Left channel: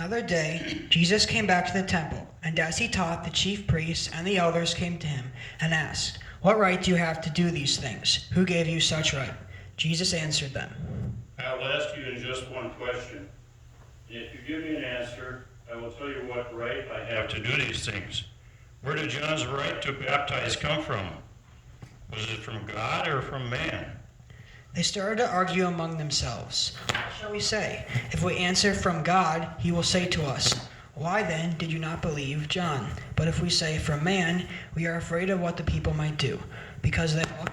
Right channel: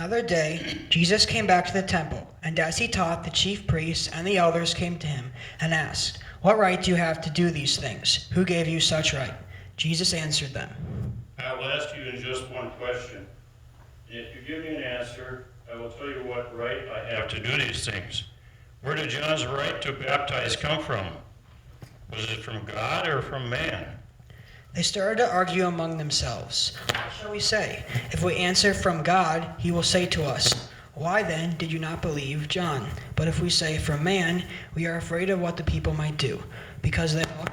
Another day, Jesus came back to the temple, and as he taught, the chief priests and the elders came to him and asked, "What right do you have to do these things? Who gave you such right?" Jesus answered them, "I will ask you in just one question. And if you give me an answer, I will tell you what right I have to do these things. Where did John's right to baptize come from? Was it from God or from man?" They started to argue among themselves. "What shall we say? If we answer from God, he will say to us, 'Why then did you not believe John?' But if we say from man, we are afraid of what the people might do, because they are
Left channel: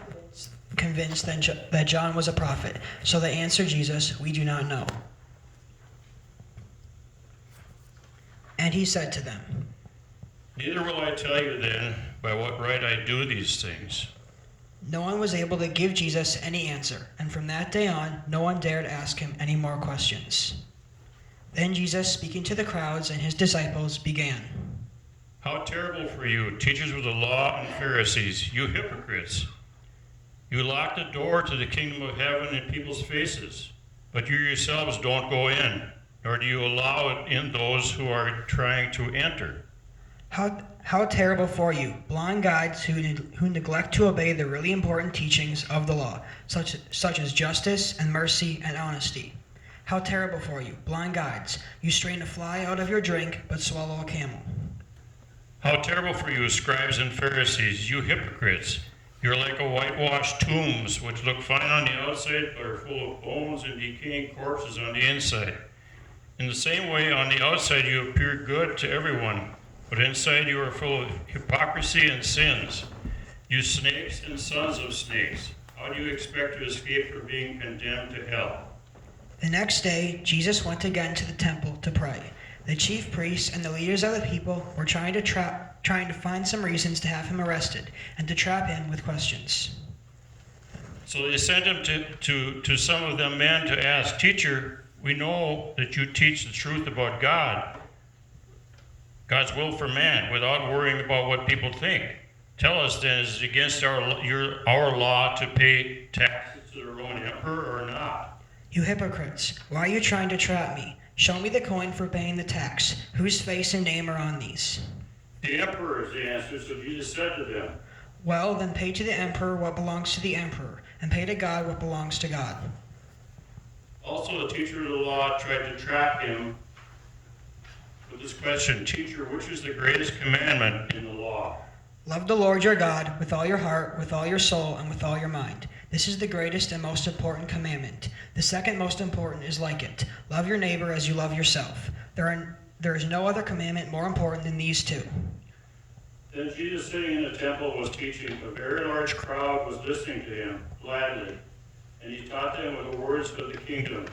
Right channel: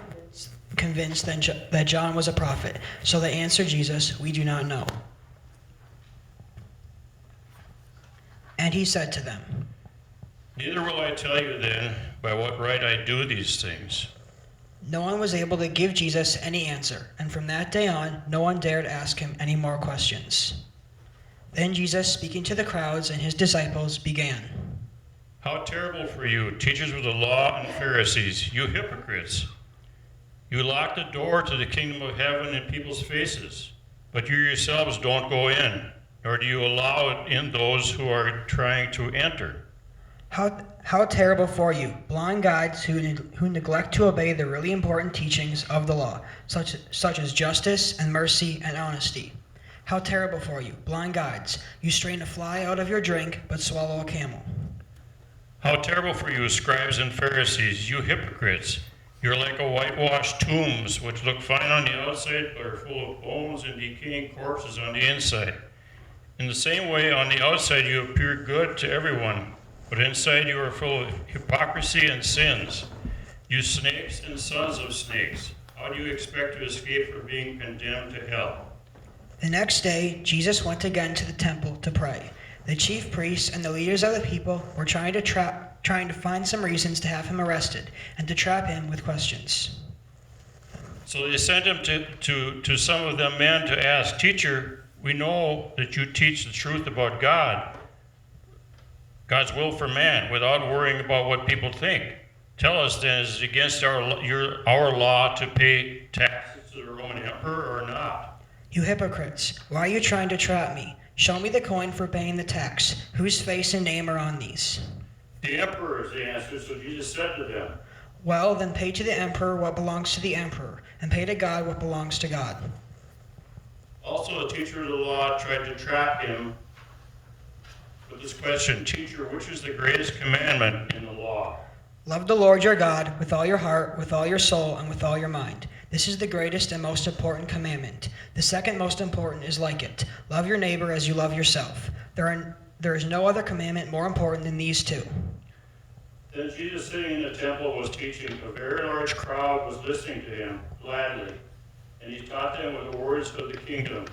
convinced that John was a prophet." So they answered Jesus, "We do not know." And he said to them, "Neither will I tell you then by what right I do these things." No one was able to give Jesus any answer, and from that day on, no one dared ask him any more questions. Then Jesus, speaking to the crowds and his disciples, began, "How terrible for you, teachers of the law and Pharisees, you hypocrites! You lock the door to the kingdom of heaven in people's faces, but you yourselves don't go in, nor do you allow it in those who are trying to enter. How terrible for you, blind guides who neglect to obey the really important teachings of the law, such as justice and mercy and honesty. How terrible for you, blind guides, you strain a fly out of your drink, but swallow a camel. How terrible for you, Scribes and Pharisees, you hypocrites! You're like a whitewashed tombs, which look fine on the outside, but are full of bones and decaying corpses on the inside. In the same way, on the outside you appear good to everyone, but inside you are full of hypocrisy and sins. You snakes and sons of snakes, how do you expect to escape from being condemned to hell?" The next day, Jesus went again to the temple to pray. The chief priests and the leaders of the people were trying to find some reasons to have him arrested and to trap him with questions. So they sent him to some of them men to ask, "Teacher, we know that you teach the truth about God's will for man, without worrying about what people think. Tell us then, is it against our law to pay taxes to the Roman emperor or not?" You hypocrites, why are you trying to trap me? Show me the coin for paying the tax. Whose face and name are on these? "The emperor's," they answered. So Jesus said to them, "Well, then pay to the emperor what belongs to the emperor, and pay to God what belongs to God." Also the teacher of the law tried to trap him with this question, "Teacher, which is the greatest commandment in the law?" Love the Lord your God with all your heart, with all your soul, and with all your mind. This is the greatest and most important commandment. The second most important is like it. Love your neighbor as you love yourself. There is no other commandment more important than these two. Then Jesus, sitting in the temple, was teaching. A very large crowd was listening to him gladly, and he taught them with the words of the kingdom.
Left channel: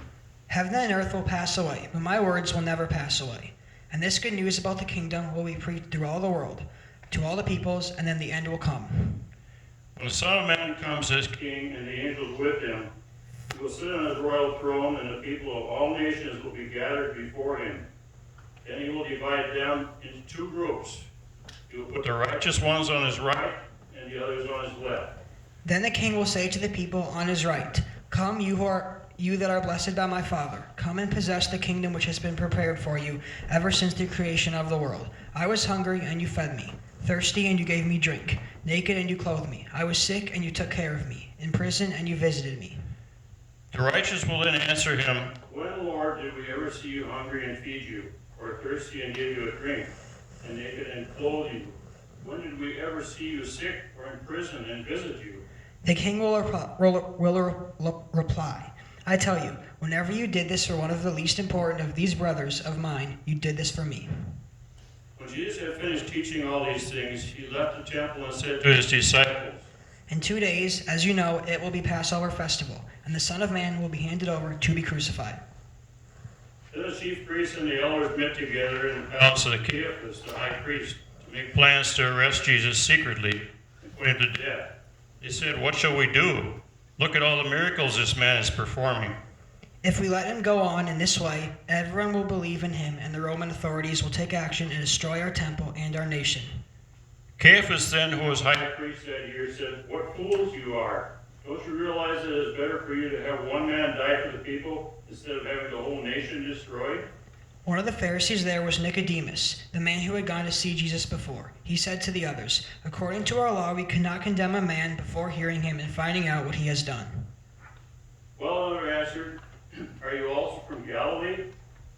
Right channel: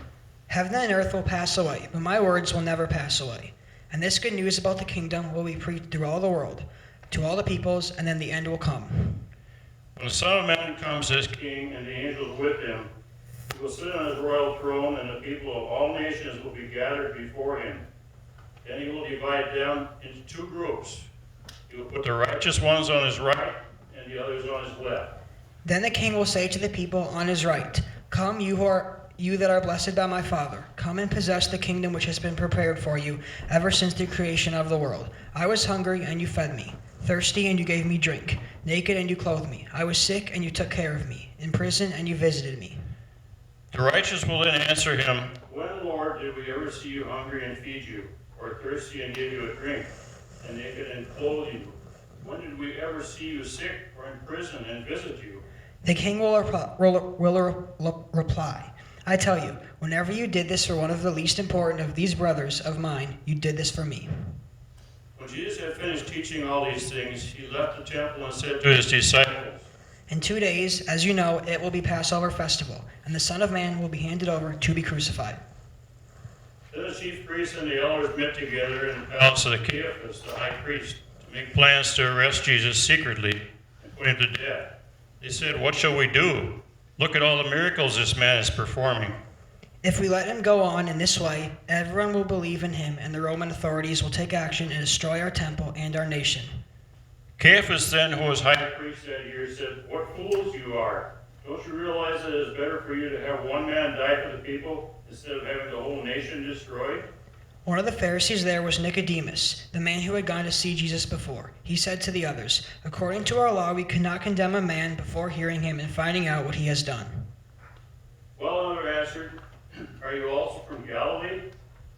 Heaven and earth will pass away, but my words will never pass away. And this good news about the kingdom will be preached through all the world, to all the peoples, and then the end will come. When the Son of Man comes as King and the angels with him, he will sit on his royal throne, and the people of all nations will be gathered before him. Then he will divide them into two groups. He will put the righteous ones on his right and the others on his left. Then the king will say to the people on his right, "Come, you that are blessed by my Father, come and possess the kingdom which has been prepared for you ever since the creation of the world. I was hungry, and you fed me, thirsty, and you gave me drink, naked, and you clothed me. I was sick, and you took care of me, in prison, and you visited me." The righteous will then answer him, "When, Lord, did we ever see you hungry and feed you, or thirsty and give you a drink, and naked and clothe you? When did we ever see you sick or in prison and visit you?" The king will reply, "I tell you, whenever you did this for one of the least important of these brothers of mine, you did this for me." When Jesus had finished teaching all these things, he left the temple and said to his disciples, "In 2 days, as you know, it will be Passover festival, and the Son of Man will be handed over to be crucified." Then the chief priests and the elders met together in the palace of Caiaphas, the high priest, to make plans to arrest Jesus secretly and put him to death. They said, "What shall we do? Look at all the miracles this man is performing. If we let him go on in this way, everyone will believe in him, and the Roman authorities will take action and destroy our temple and our nation." Caiaphas then, who was high priest that year, said, "What fools you are! Don't you realize that it is better for you to have one man die for the people instead of having the whole nation destroyed?" One of the Pharisees there was Nicodemus, the man who had gone to see Jesus before. He said to the others, "According to our law, we cannot condemn a man before hearing him and finding out what he has done." Well, another answered, "Are you also from Galilee?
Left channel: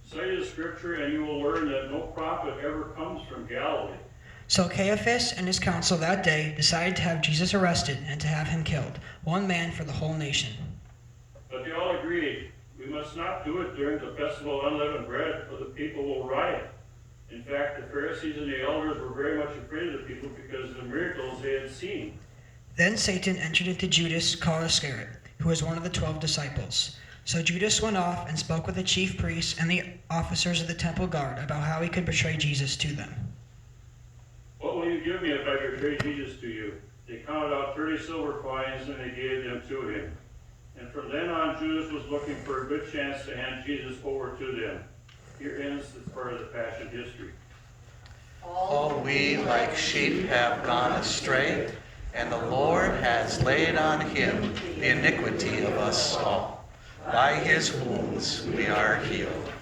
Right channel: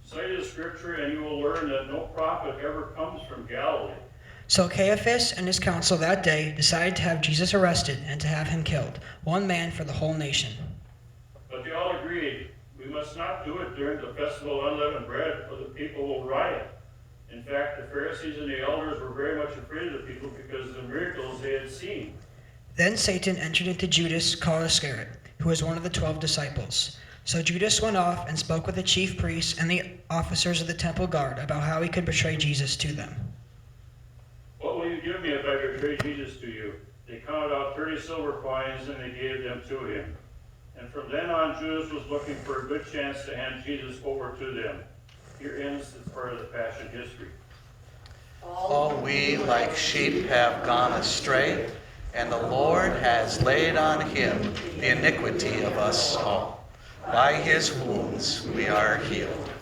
Study the scripture, and you will learn that no prophet ever comes from Galilee." So Caiaphas and his council that day decided to have Jesus arrested and to have him killed, one man for the whole nation. But they all agreed, "We must not do it during the festival of unleavened bread, or the people will riot." In fact, the Pharisees and the elders were very much afraid of the people because of the miracles they had seen. Then Satan entered into Judas called Iscariot, who was one of the 12 disciples. So Judas went off and spoke with the chief priests and the officers of the temple guard about how he could betray Jesus to them. "What will you give me if I betray Jesus to you?" They counted out 30 silver coins and they gave them to him. And from then on, Judas was looking for a good chance to hand Jesus over to them. Here ends this part of the Passion history. All we like sheep have gone astray, and the Lord has laid on him the iniquity of us all. By his wounds we are healed.